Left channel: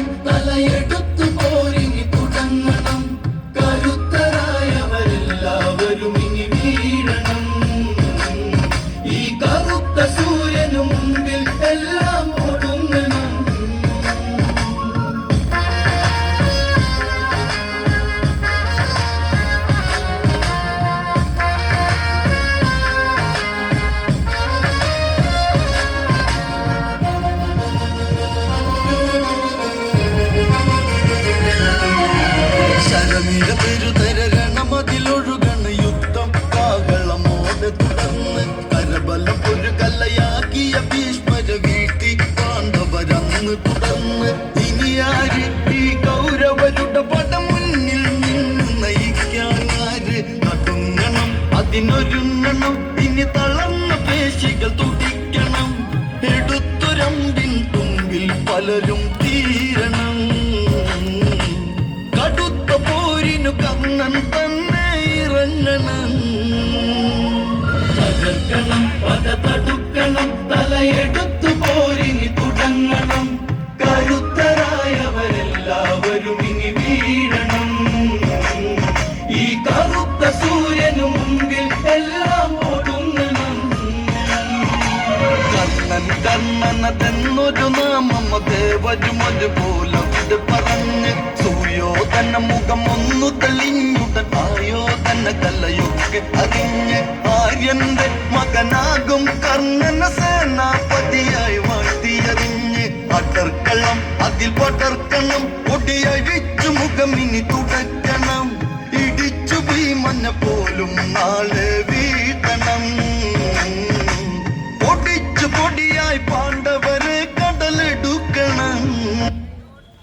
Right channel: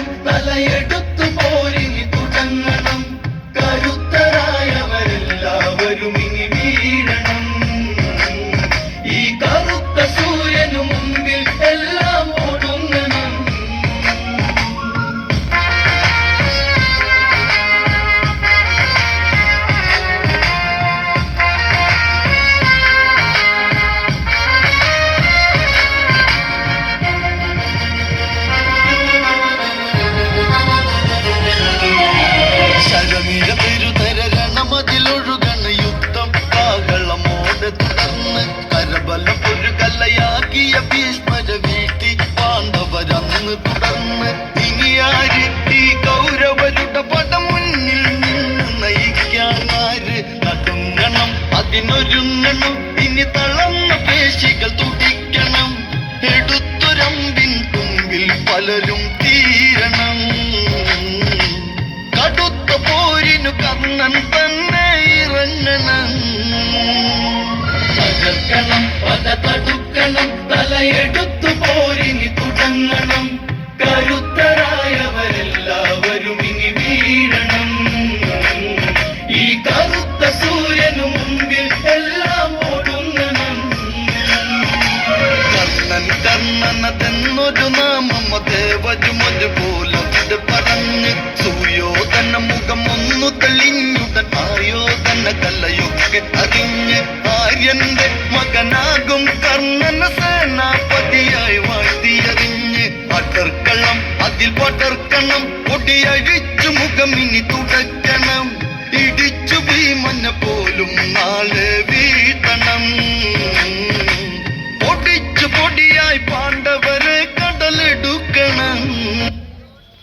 തുടങ്ങണം, തലയെടുത്തു പോരിനി തുടങ്ങണം. കരുത്തരായവരെല്ലാവരും ഇനി വീഴണം. ഈ കറുത്ത സൂര്യനു മുമ്പിൽ എല്ലാം ഒടുങ്ങണം. ശരമീര പെരുതരണമതിലൊഴുകണ യുദ്ധം കാകളമോടെ തുടർന്ന് കരബലം ഒരു കല്ലയാക്കിയ ഭീഷ്മര വീട്ടി പാണ്ഡവരന്ന് തുടർന്ന് ഇനി ആര് ഈ കൗരവരുടെ പട മുന്നിൽ നിന്ന് നയിക്കാനാര്? നടുങ്ങണം, അതിനൊരുങ്ങണം, ഇനി തളർന്ന പേശികൾ തുടിക്കണം. എടുത്തൊരമ്പിൻ തുമ്പിൽ പലരും തീരണം. കടുത്ത പോരിനു കർണൻ തന്നെ ഇറങ്ങണം. തകർക്കണം, പത തടുക്കണം, തലയെടുത്തു പോരിനി തുടങ്ങണം. കരുത്തരായവരെല്ലാവരും ഇനി വീഴണം. ഈ കറുത്ത സൂര്യനു മുമ്പിൽ എല്ലാം ഒടുങ്ങണം. കർണൻ കർണനതെന്നൊരു നാമം ദേവരുമൊരു പോലവിടെ പറഞ്ഞ് സൂര്യോധന മുഖം ഒന്നു തെളിഞ്ഞുടൻ ആയോധന കലയൊക്കെ അറിഞ്ഞ് ആര്യന്റെ മകനാകും കർണന സേനാപതിയായി വാഴ്ത്തിയറിഞ്ഞ് അടർക്കളം അതിൽ പടർക്കണം. പൊടിയഴിച്ചു മുഖം ഇനി തുടയ്ക്കണം. ഇടിച്ചു ഭീമന പോലും നാളെ വീഴ്ത്തണം. പൊടിച്ചു പൊടിയായി പാണ്ഡവ